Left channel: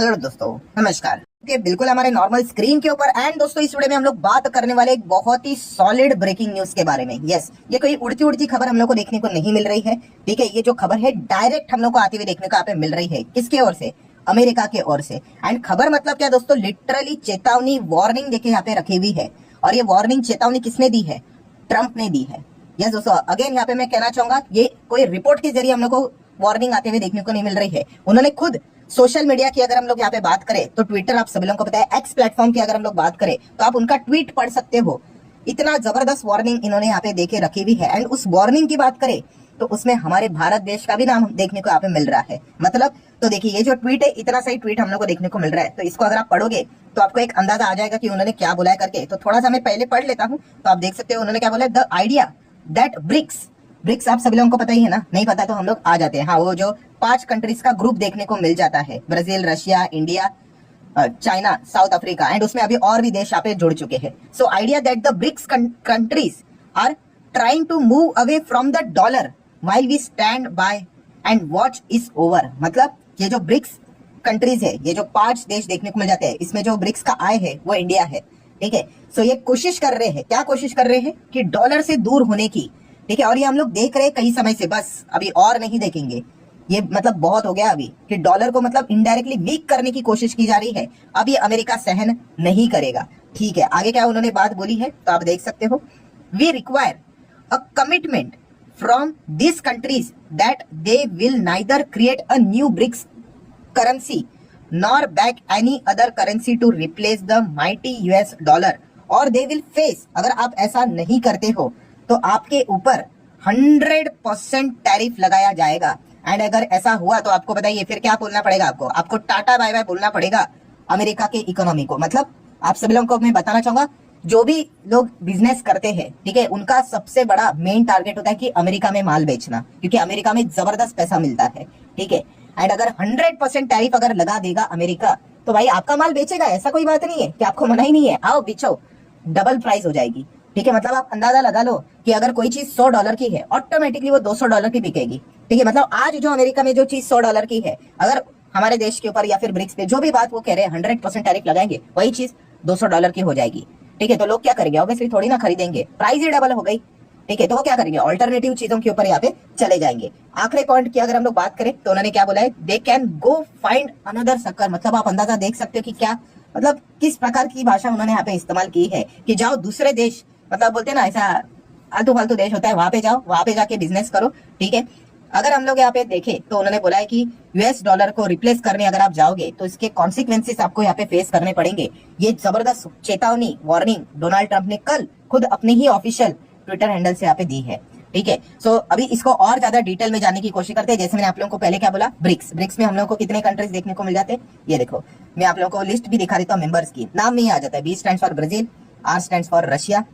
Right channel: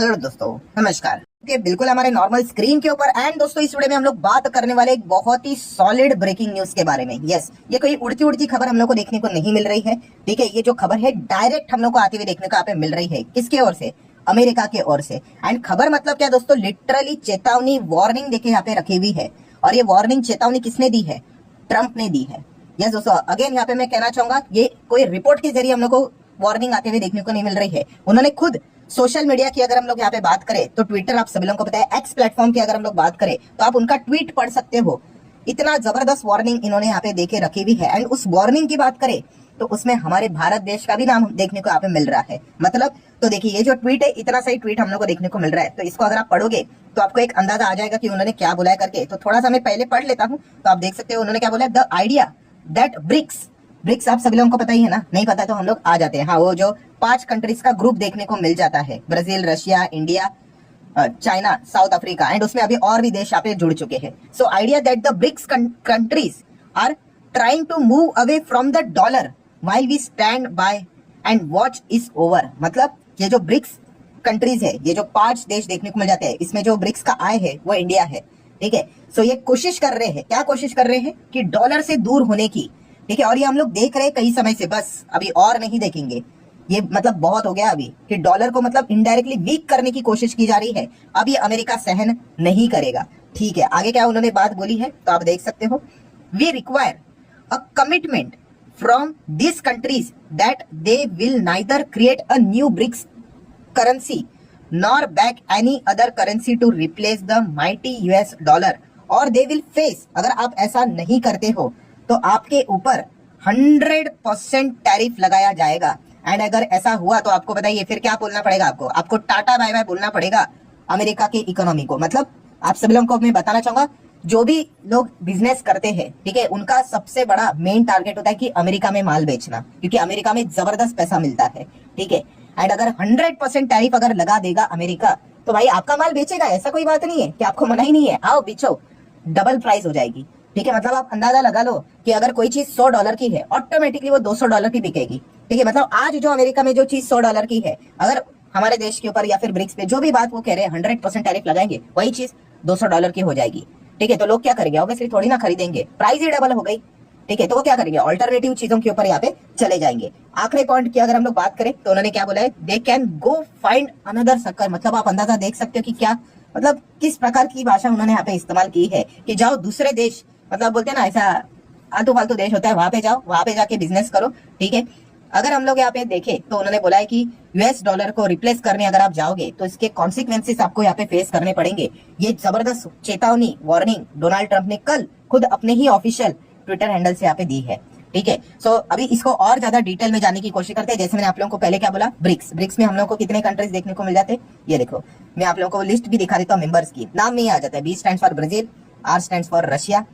Hello दोस्तों, नमस्कार। बिल्कुल हमारे नॉर्मल स्क्रीन के ऊपर। एंड दोस्तों, इस वीडियो में हम लोग बात करने वाले एक बहुत ही सॉलिड ब्रेकिंग न्यूज के बारे में। यस, ये कोई उड़ती उड़ती खबर हम लोग को देखने को नहीं मिल रही है। ठीक है, ये जो खबर है डायरेक्ट हम लोग को आती हुई देखने को यहाँ पे मिल रही है। किसके ओर से? अमेरिका के ओर से। एंड खबर मतलब क्या दोस्तों, लिटरली चेतावनी, वार्निंग देखिए यहाँ पे रखी हुई है। और ये वार्निंग, चेतावनी किसने दी है? ट्रंप ने दी है। यस दोस्तों, अगेन यहाँ पे मैं कहना चाहूंगा, ये कोई रिपोर्ट के जरिए हम लोग को वार्निंग आते हुए देखने को नहीं मिल रही है। उन्होंने खुद सोशल मीडिया की अगर हम लोग यहाँ पे बात करें तो ट्विटर, आप सभी लोगों को पता है, एक्स प्लेटफॉर्म की अगर हम लोग बात करें तो आप उनका ट्वीट पढ़ सकते हो। इतना जबरदस्त वार्निंग इन्होंने यहाँ पे देके रखी हुई है। एंड उस वार्निंग की बात करें तो उसमें हमारे भारत देश का भी नाम देखने को यहाँ पे मिल रहा है। मतलब तो देखिए, ये जो ट्वीट है, इतना सही ट्वीट हम लोग को देखने को मिल रहा है। तो इसको अगर आप पढ़ोगे तो आपको एक अंदाजा आ जाएगा कि उन्होंने क्या बोला है करके। तो थोड़ा सा मैं पहले पढ़ लेता हूँ तो आप देख सकते हो उन्होंने क्या बोला है। द आइडिया दैट ब्रिक्स आप सभी लोगों को पता ही है ना, नहीं पता तो हम लोग आ जाते हैं। हाँ, वो जो 5 कंट्रीज का ग्रुप देखने को मिल जाता है, Brazil, Russia, India, China, South Africa, and उसमें अभी और भी देश यहाँ पे जुड़ चुके हैं। So idea that the BRICS countries are trying to move away from the dollar while we stand by and watch is over. मतलब ये जो ब्रिक्स कंट्रीज है, ये जो 5 देश देखने को मिल जाते हैं, इसमें जो ब्रिक्स का आय है वो इंडिया है। ठीक है, सो ये कोशिश कर रहे हैं, क्या कोशिश कर रहे हैं कि डॉलर से दूर होने की। ठीक है, और ये हम लोग देख रहे हैं कई समय से, बस अभी और नहीं देखेंगे। ये मतलब बहुत हो गया अभी कि डॉलर को मतलब इनडायरेक्टली वीक करने की कोशिश की जा रही है। अब ये अमेरिका सहन नहीं करेगा। ठीक है, आगे क्या उन्होंने बात बोली है तो आप देख सकते हो। We require a commitment from this countries that they will neither create a new BRICS currency nor back any other currency to replace the mighty US dollar, और दे विल फेस, अगर आप ऐसा नहीं करते हो तो आपके ऊपर 100% टैरिफ लगाया जाएगा। एंड अगर ऐसा हुआ तो आपको बताइए फिर क्या बोलना पड़ेगा आपको टाटा बाय बाय बोलना पड़ेगा अमेरिका की इकोनॉमी को। मतलब आप सभी लोगों को मैं बताना चाहूंगा, जो भी लोग बिजनेस करते हैं, ठीक है, उनका सबसे बड़ा मेन टारगेट होता है कि अमेरिका में माल बेचना, क्योंकि अमेरिका में जबरदस्त पैसा मिलता है। ठीक है, एंड अगर 100% टैरिफ अगर लगा देगा अमेरिका तो भाई आपका माल बेचेगा, ऐसा कोई बात नहीं है कि आपको मना ही नहीं है, आओ बेचो, डबल प्राइस हो जाएगी। ठीक है, मतलब आप अंदाजा लगा लो कि अगर कोई चीज $100 की है, ऑटोमेटिकली वो $200 की बिकेगी। ठीक है, मतलब आज जो अमेरिका में जो चीज $100 की है, अगर हमारे देश के ऊपर या फिर ब्रिक्स पे जो भी बात वो कह रहे हैं 100% टैरिफ लगाएंगे, वही चीज $200 की हो जाएगी। ठीक है, तो लोग क्या करेंगे? ऑब्वियसली थोड़ी ना खरीदेंगे, प्राइस ही डबल हो गई। ठीक है, तो वो क्या करेंगे? ऑल्टरनेटिव चीजों के ऊपर यहाँ पे चले जाएंगे। आखिरी पॉइंट की अगर हम लोग बात करें तो उन्होंने क्या बोला है, they can go find another sucker. मतलब आप अंदाजा देख सकते हो कि क्या, मतलब किस प्रकार की भाषा उन्होंने यहाँ पे इस्तेमाल की है कि जाओ दूसरे देश, मतलब बोलते हैं ना ऐसा आलतू फालतू देश होता है, वहां पे जाओ, वहां पे जाके बिजनेस करो। ठीक है, अगर हम लोग यहाँ पे देखें तो उन्होंने बोला है कि यूएस डॉलर को रिप्लेस करने अगर आप जाओगे तो इसके कॉन्सिक्वेंसेस आपको यहाँ पे फेस करने पड़ेंगे। ये जबरदस्त चेतावनी, वार्निंग डोनाल्ड ट्रंप ने कल खुद अपने ही ऑफिशियल ट्विटर हैंडल से यहाँ पे दी है। ठीक है, सो अभी इसको और ज्यादा डिटेल में जानने की कोशिश करते हैं। जैसे मैंने आप लोगों को पहले क्या बोला, ब्रिक्स में हम लोगों को कितने कंट्रीज देखने को मिल जाते हैं, ये देखो मैं आप लोगों को लिस्ट भी दिखा देता हूँ मेंबर्स की। नाम में ही आ जाता है, B stands for Brazil, R stands for Russia,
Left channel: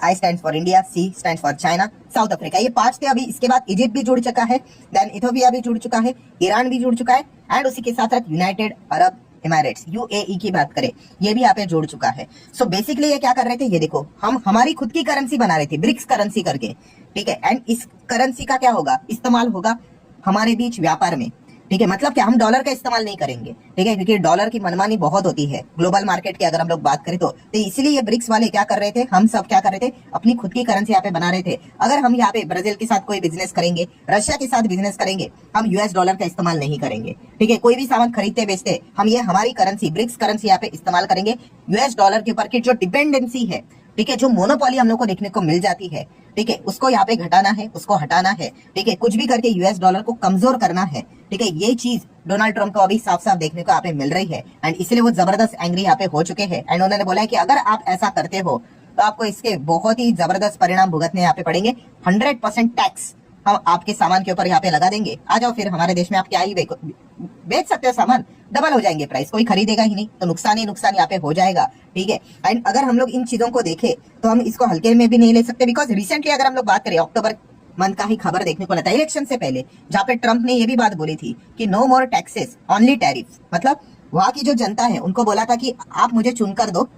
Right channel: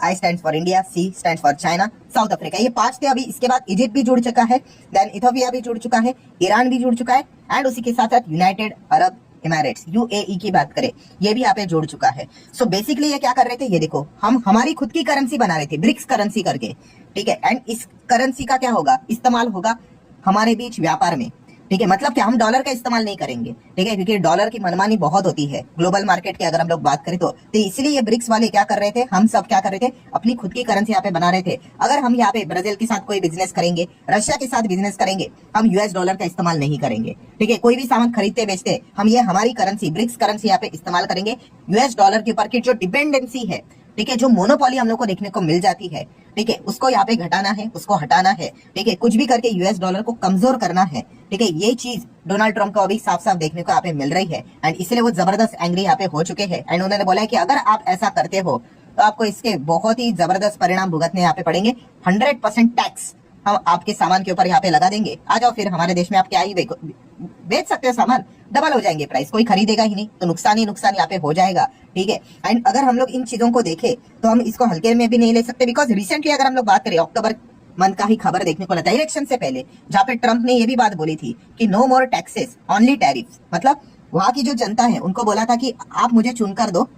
I stand for India, C stand for China, South Africa. ये 5 थे। अभी इसके बाद इजिप्ट भी जुड़ चुका है, देन इथोपिया भी जुड़ चुका है, ईरान भी जुड़ चुका है, एंड उसी के साथ साथ यूनाइटेड अरब इमारेट्स, यूएई की बात करें, ये भी यहाँ पे जुड़ चुका है। सो बेसिकली ये क्या कर रहे थे, ये देखो, हम हमारी खुद की करेंसी बना रहे थे, ब्रिक्स करेंसी करके। ठीक है, एंड इस करेंसी का क्या होगा, इस्तेमाल होगा हमारे बीच व्यापार में। ठीक है, मतलब क्या, हम डॉलर का इस्तेमाल नहीं करेंगे। ठीक है, क्योंकि डॉलर की मनमानी बहुत होती है ग्लोबल मार्केट की अगर हम लोग बात करें तो इसलिए ये ब्रिक्स वाले क्या कर रहे थे, हम सब क्या कर रहे थे, अपनी खुद की करेंसी यहाँ पे बना रहे थे। अगर हम यहाँ पे ब्राजील के साथ कोई बिजनेस करेंगे, रशिया के साथ बिजनेस करेंगे, हम यूएस डॉलर का इस्तेमाल नहीं करेंगे। ठीक है, कोई भी सामान खरीदते बेचते हम ये हमारी करेंसी, ब्रिक्स करेंसी यहाँ पे इस्तेमाल करेंगे। यूएस डॉलर के ऊपर की जो डिपेंडेंसी है, ठीक है, जो मोनोपोली हम लोग को देखने को मिल जाती है, ठीक है, उसको यहाँ पे घटाना है, उसको हटाना है। ठीक है, कुछ भी करके यूएस डॉलर को कमजोर करना है। ठीक है, ये चीज डोनाल्ड ट्रंप को अभी साफ साफ देखने को यहाँ पे मिल रही है, एंड इसलिए वो जबरदस्त एंग्री यहाँ पे हो चुके हैं। एंड उन्होंने बोला है कि अगर आप ऐसा करते हो तो आपको इसके बहुत ही जबरदस्त परिणाम भुगतने यहाँ पे पड़ेंगे। 100% टैक्स हम आपके सामान के ऊपर यहाँ पे लगा देंगे। आ जाओ फिर हमारे देश में, आप क्या ही बेच सकते हो सामान, डबल हो जाएंगे प्राइस, कोई खरीदेगा ही नहीं, तो नुकसान ही नुकसान यहाँ पे हो जाएगा। ठीक है, एंड अगर हम लोग इन चीजों को देखें तो हम इसको हल्के में भी नहीं ले सकते, बिकॉज रिसेंटली अगर हम लोग बात करें, अक्टूबर मंथ का ही खबर देखने को मिला था इलेक्शन से पहले, जहाँ पे ट्रंप ने ये भी बात बोली थी कि नो मोर टैक्सेस ओनली टैरिफ। मतलब वहां की जो जनता है उनको बोला था कि आप मुझे चुनकर दो,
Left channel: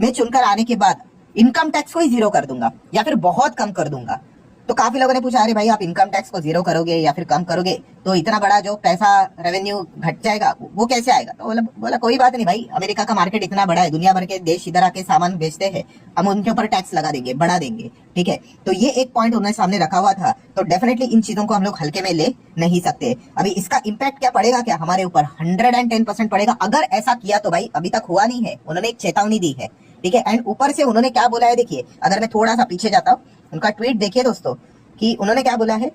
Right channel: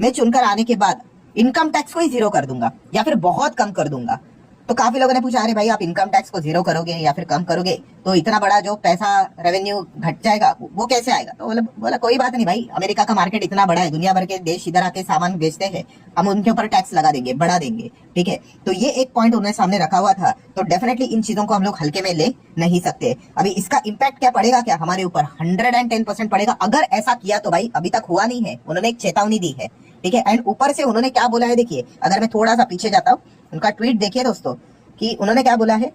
मैं चुनकर आने के बाद इनकम टैक्स को ही 0 कर दूंगा या फिर बहुत कम कर दूंगा। तो काफी लोगों ने पूछा अरे भाई आप इनकम टैक्स को जीरो करोगे या फिर कम करोगे तो इतना बड़ा जो पैसा रेवेन्यू घट जाएगा वो कैसे आएगा। तो बोला कोई बात नहीं भाई, अमेरिका का मार्केट इतना बड़ा है, दुनिया भर के देश इधर आके सामान बेचते हैं, हम उनके ऊपर टैक्स लगा देंगे, बढ़ा देंगे। ठीक है, तो ये एक पॉइंट उन्होंने सामने रखा हुआ था। तो डेफिनेटली इन चीजों को हम लोग हल्के में ले नहीं सकते। अभी इसका इम्पैक्ट क्या पड़ेगा, क्या हमारे ऊपर 110% पड़ेगा अगर ऐसा किया। तो भाई अभी तक हुआ नहीं है, उन्होंने एक चेतावनी दी है। ठीक है, एंड ऊपर से उन्होंने क्या बोला है देखिए, अगर मैं थोड़ा सा पीछे जाता हूँ, उनका ट्वीट देखिए दोस्तों, कि उन्होंने क्या बोला है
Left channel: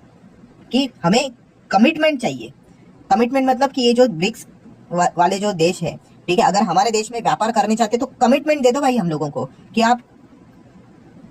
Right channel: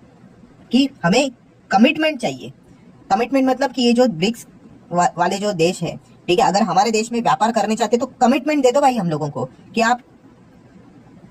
कि हमें कमिटमेंट चाहिए। कमिटमेंट मतलब कि ये जो ब्रिक्स वाले जो देश है, ठीक है, अगर हमारे देश में व्यापार करने चाहते तो कमिटमेंट दे दो भाई हम लोगों को कि आप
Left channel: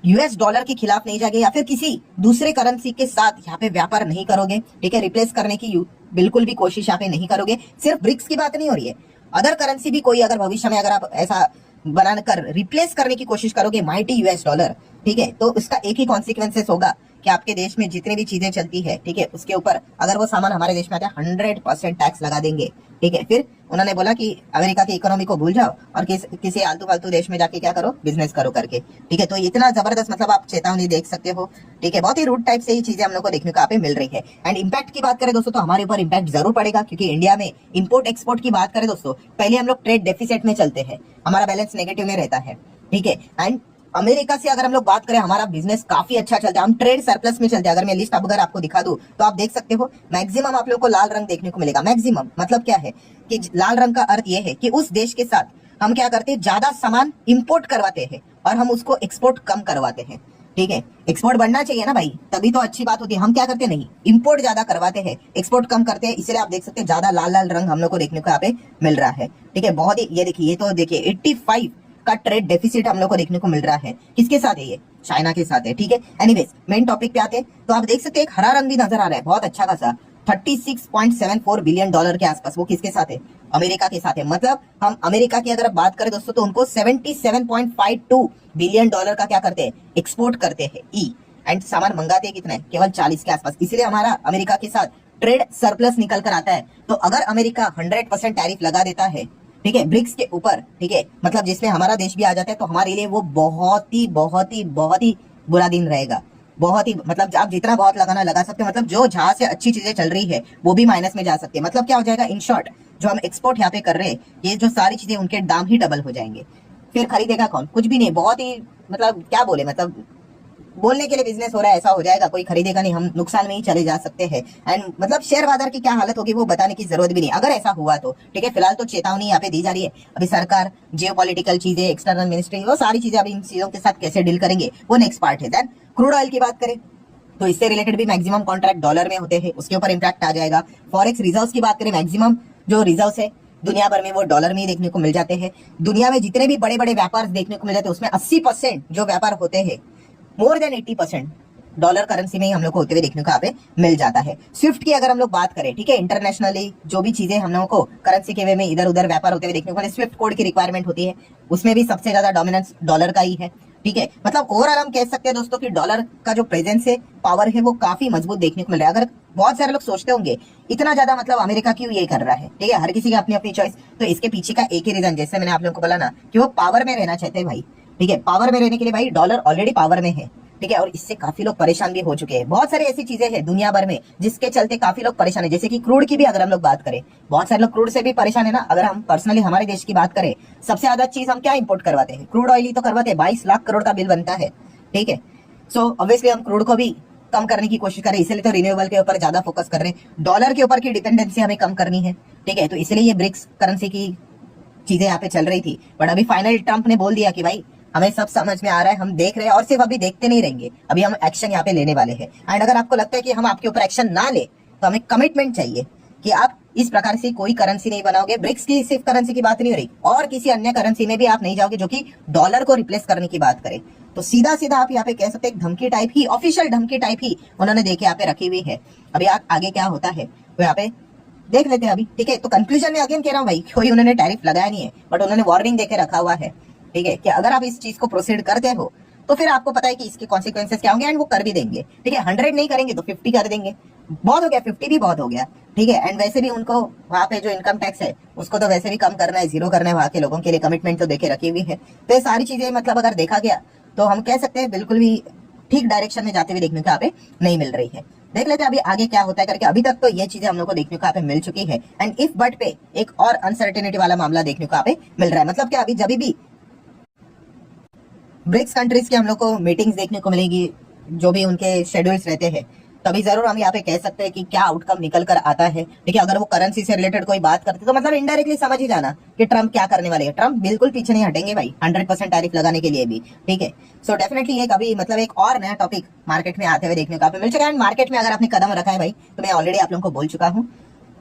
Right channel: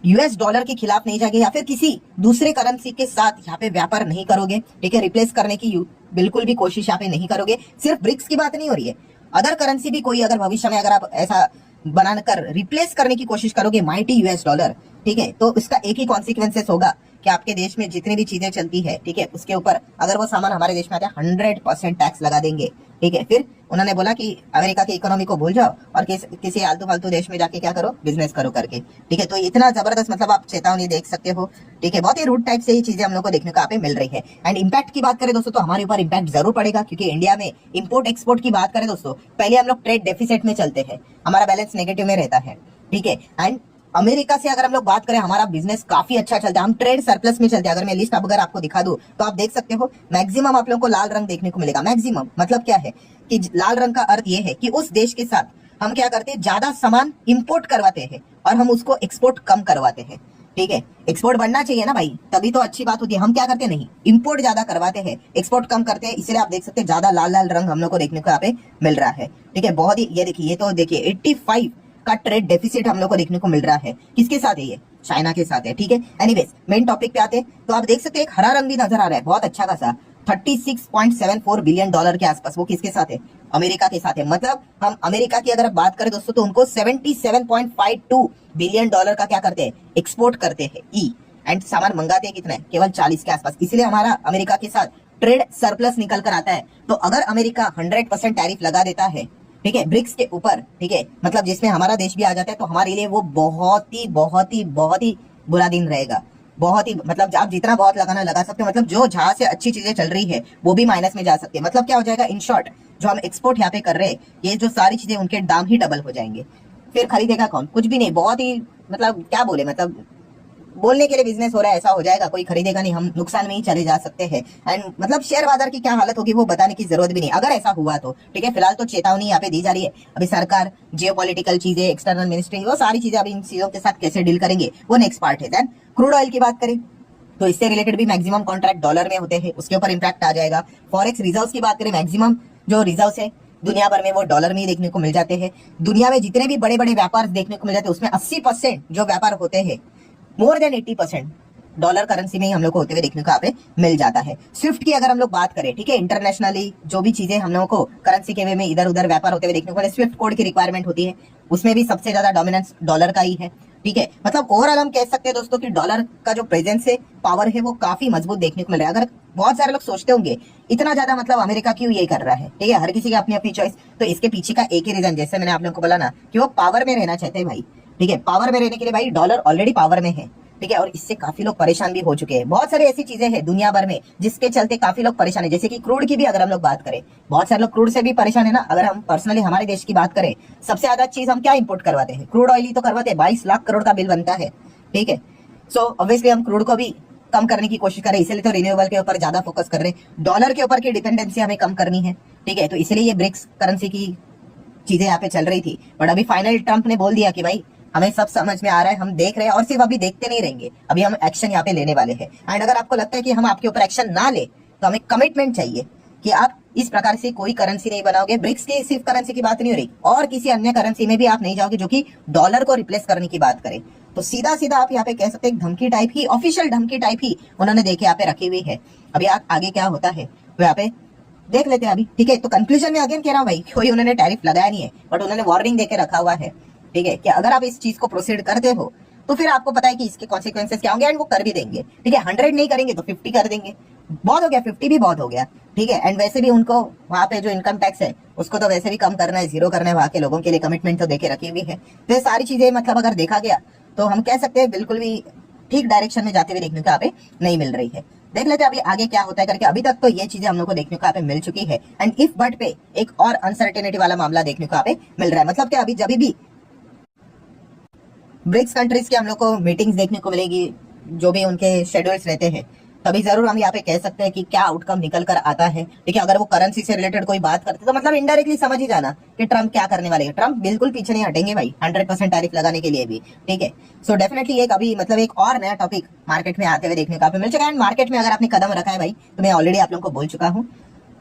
यूएस डॉलर के खिलाफ नहीं जाएंगे या फिर किसी दूसरे करेंसी के साथ यहाँ पे व्यापार नहीं करोगे। ठीक है, रिप्लेस करने की बिल्कुल भी कोशिश यहाँ पे नहीं करोगे। सिर्फ ब्रिक्स की बात नहीं हो रही है, अदर करेंसी भी कोई अगर भविष्य में अगर आप ऐसा बनाकर रिप्लेस करने की कोशिश करोगे माइटी यूएस डॉलर, ठीक है, तो उसका एक ही कॉन्सिक्वेंसेस होगा कि आपके देश में जितनी भी चीजें चलती है, ठीक है, उसके ऊपर अगर वो सामान हमारे देश में आता है 100% टैक्स लगा देंगे। ठीक है, फिर उन्होंने बोला कि अमेरिका की इकोनॉमी को भूल जाओ और किसी आलतू फालतू देश में जाके क्या करो, बिजनेस करो करके। ठीक है, तो इतना जबरदस्त मतलब आप चेतावनी देख सकते हो। ठीक है, बहुत ही रूट टाइप से ही चीजें हम लोग को देखने को यहाँ पे मिल रही है। एंड इम्पैक्ट की बात करें दोस्तों तो हमारे ऊपर इम्पैक्ट जरूर पड़ेगा, क्योंकि इंडिया में इम्पोर्ट एक्सपोर्ट की बात करें दोस्तों, पहले हम लोग ट्रेड डेफिसिट में चलते हैं, हमारा बैलेंस नेगेटिव में रहता है। ठीक है, एंड अमेरिका से अगर हम लोग बात करें हमारा बिजनेस काफी अच्छा चलता है, हम ट्रेड सरप्लस में चलते हैं। अगर मैं लिस्ट अगर आपको दिखा दूं तो आप देख सकते हो मैक्सिमम आप लोगों को लाल रंग देखने को मिलेगा। मैक्सिमम मतलब क्या है कि लाल रंग का अर्थ यह है कि उस देश के साथ हम क्या करते हैं, ज्यादा सामान इंपोर्ट करवाते हैं और हम उसको एक्सपोर्ट कम करवाते हैं। ठीक है, एक्सपोर्ट बढ़ना चाहिए ना भाई, तभी तो अच्छी बात होती है। हम क्या करते नहीं, इंपोर्ट ज्यादा करवाते हैं, एक्सपोर्ट कम करते हैं। इसलिए आप देख सकते हैं ज्यादा लाल लाल रंग हम लोग को देखने को यहाँ पे मिल रहा है। ठीक है, बहुत ही ये देखिए, ये तो देखिए 85 का ट्रेड डेफिसिट हम लोग को देखने को मिल रहा है। किसके साथ है ये, चाइना के साथ है। ठीक है, एनीवेज मेन टॉपिक पे आते हैं तो आप देख सकते हैं एक हरा रंग भी नजर आ रहा है, बहुत अच्छा खासा 36.74 बिलियन डॉलर के आसपास। वो किसके साथ है, अमेरिका के साथ है। मतलब हम अमेरिका की अगर बात करें दोस्तों तो उनको 77.52 बिलियन डॉलर का क्या करते हैं, एक्सपोर्ट करते हैं ई, एंड सामान मंगाते हैं कितना है, केवल 40 के आसपास। इसलिए हमारा अमेरिका के साथ ट्रेड सरप्लस निकल कर आता है। तो अगर अमेरिका 100% टैरिफ लगा देता है, ठीक है, ब्रिक्स के ऊपर, ठीक है, मतलब जिसमें हमारा देश भी आ जाता है, तो हमारे लिए वो बहुत ही बहुत ही बहुत ही बुरा दिन रहेगा। बहुत ही मतलब आप जितना बहुत लगाना लगा सकते हो, मतलब जो जहां से अच्छी चीजें चल रही है वो भी माइनस में जा सकती है। मतलब क्या हो जाएगा, इन शॉर्ट जो हम एक्सपोर्ट यहाँ पे कर रहे हैं, ये जो सारी चीजें उनके दाम ही डबल हो जाएंगे। फिर खरीदेगा कौन, कुछ भी नहीं। बहुत ही मतलब क्या बोले, मतलब बोलने के लिए बिजनेस हो रहा है ऐसा हो जाएगा, कोई खरीदेगा नहीं, हम नुकसान में ही चले जा सकते हैं। एंड मतलब शेयर बाजार की क्या हालत होगी वो बताने की जरूरत भी नहीं अगर ऐसा हुआ तो। ठीक है, फिलहाल तो चेतावनी यहाँ पे दी जा रही है। अभी सरकार जियोपॉलिटिकल चीजें, एक्सटर्नल मिनिस्ट्री, वो सारी चीजें अभी इन चीजों के साथ कैसे डील करेंगे वो नेक्स्ट पार्ट है। देन क्रूड ऑयल की बात करें तो इससे रिलेटेड भी मैक्सिमम कॉन्ट्रैक्ट डॉलर में होते हैं, उसके ऊपर इंपैक्ट आ जाएगा। फॉरेक्स रिजर्व की बात करें, मैक्सिमम जो रिजर्व है दुनिया भर में वो डॉलर में ही देखने को मिल जाते हैं। दुनिया में जितने भी बड़े बड़े व्यापार देखने को मिल जाते हैं उसमें 80% जो व्यापार होते हैं, मोर देन 80% डॉलर करेंसी में ही हम लोग को होते हुए देखने को यहाँ पे मिल जाता है। स्विफ्ट की अगर हम लोग बात करें, ठीक है, इंटरनेशनली जो भी चीजें हम लोगों को करेंसी के वे में इधर उधर व्यापार होते हुए देखने को मिले, स्विफ्ट कोड की रिक्वायरमेंट होती है, उसमें भी सबसे ज्यादा डोमिनेंस डॉलर का ही है। ठीक है, मतलब ओवरऑल हम कह सकते हैं दोस्तों कि डॉलर का जो प्रेजेंस है, पावर है, वो काफी मजबूत देखने को मिल रहा है। अगर बहुत सारे लोग सोचते होंगे इतना ज्यादा मतलब अमेरिका क्यों ये कर रहा है, ठीक है, हर किसी की अपनी अपनी चॉइस, तो इसके पीछे का एक ही रीजन, जैसे मैंने आप लोगों को बोला ना, कि वो पावर में रहना चाहते हैं भाई। ठीक है, पावर में रहने के लिए भाई डॉलर ऑलरेडी पावर में है। ठीक है, और इससे काफी लोग परेशान भी हो चुके हैं। बहुत सारी ऐसी चीजें हैं दुनिया भर में जिसके चलते काफी लोग परेशान है। जैसे कि क्रूड की भी अगर हम लोग बात करें, बहुत सारे लोग क्रूड से भी परेशान है ना। अगर हम पर्सनली हमारे देश की बात करें, सबसे ज्यादा चीज हम क्या इंपोर्ट करवाते हैं, क्रूड ऑयल ही तो करवाते हैं। 22 लाख करोड़ का बिल बनता है। ठीक है, सो ऑब्वियसली हम क्रूड को भी कम करने की कोशिश कर रहे हैं, इसलिए तो रिन्यूएबल के ऊपर ज्यादा फोकस कर रहे हैं। डॉलर के ऊपर की डिपेंडेंसी हमें कम करनी है। ठीक है, तो इसलिए ये ब्रिक्स करेंसी की चीजें यहाँ पे चल रही थी। बट अभी फाइनल ट्रंप ने बोल दिया कि भाई हमें सब समझ में आ रहा है, हम देख रहे हैं, और सिर्फ अभी देखते नहीं रहेंगे, अभी हम एक्शन यहाँ पे लेने वाले हैं। एंड अगर आपको लगता है कि हम आपके ऊपर एक्शन ना ले तो हमें कमिटमेंट चाहिए कि आप इस प्रकार से कोई करेंसी नहीं बनाओगे। ब्रिक्स की सिर्फ करेंसी की बात नहीं हो रही, और किसी अन्य करेंसी में भी आप नहीं जाओगे जो कि डॉलर को रिप्लेस करने की बात करें। तो सीधा सीधा आप यहाँ पे कह सकते हैं धमकी टाइप ही, ऑफिशियल धमकी टाइप ही उन्होंने देखे यहाँ पे रखी हुई है। अभी आगे क्या होता है वो यहाँ पे देख लेते हैं अभी। ठीक है, तो कंक्लूजन में अगेन कह रहा हूँ भाई, कोई उन्होंने टैरिफ लगाया नहीं है, बट उन्होंने वार्निंग देके रखा हुआ है। ठीक है, कि अगर आप इस चीज को प्रोसीड करते हो तो फिर आपको पता है कि इसके कॉन्सिक्वेंसेस क्या होंगे, एंड वो कर भी देंगे। ठीक है, 100 नहीं करेंगे तो 50 कर देंगे, बहुत हो गया, 50 भी बहुत हो गया। ठीक है, एंड वैसे भी उनको वहां पे जो इनकम टैक्स है उसको तो वैसे भी कम करना है, जीरो करना है, वहां के लोगों के लिए कमिटमेंट तो देके रखी हुई है। तो ये सारी चीजें मतलब अगर देखा गया तो हम कह सकते हैं बिल्कुल भी ठीक डायरेक्शन में जाते हुए देखने को यहाँ पे नहीं मिल रही है। देख लेते हैं अभी आगे क्या होता है करके। अभी तक तो ये चीजें हम लोग को देखने को यहाँ पे मिल चुकी है एंड इफ बट पे एक और अनसर्टेनिटी वाला मामला देखने को यहाँ पे मिल रहा है। मतलब क्या अभी जब भी ब्रिक्स कंट्रीज की हम लोग को मीटिंग्स देखने को मिलेगी, जो भी उनके शेड्यूल्स रहते हैं, तभी जरूर हम यहाँ पे कह सकते हैं कि क्या आउटकम निकल कर आता है। ठीक है, अगर वो करेंसी से रिलेटेड कोई बात करते तो मतलब इनडायरेक्टली समझ ही जाना कि ट्रम्प क्या करने वाले हैं। ट्रम्प बिल्कुल पीछे नहीं हटेंगे भाई 100% टैरिफ लगाने के लिए भी। ठीक है, सो डेफिनेटली एक अभी मतलब एक और नया टॉपिक मार्केट में आते हुए देखने को मिल चुका है। एंड मार्केट में अगर आपने कदम रखा है भाई, तो मैं ऑलरेडी आप लोगों को बोल चुका हूँ,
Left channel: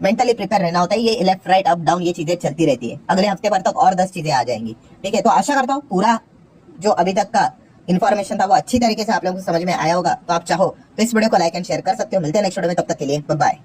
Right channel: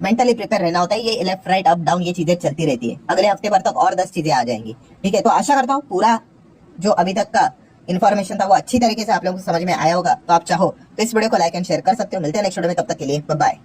मेंटली प्रिपेयर रहना होता है। ये लेफ्ट राइट अप डाउन ये चीजें चलती रहती है। अगले हफ्ते भर तक और 10 चीजें आ जाएंगी। ठीक है, तो आशा करता हूँ पूरा जो अभी तक का इन्फॉर्मेशन था वो अच्छी तरीके से आप लोगों को समझ में आया होगा। तो आप चाहो तो इस वीडियो को लाइक एंड शेयर कर सकते हो। मिलते हैं नेक्स्ट वीडियो में, तब तक के लिए बाय बाय।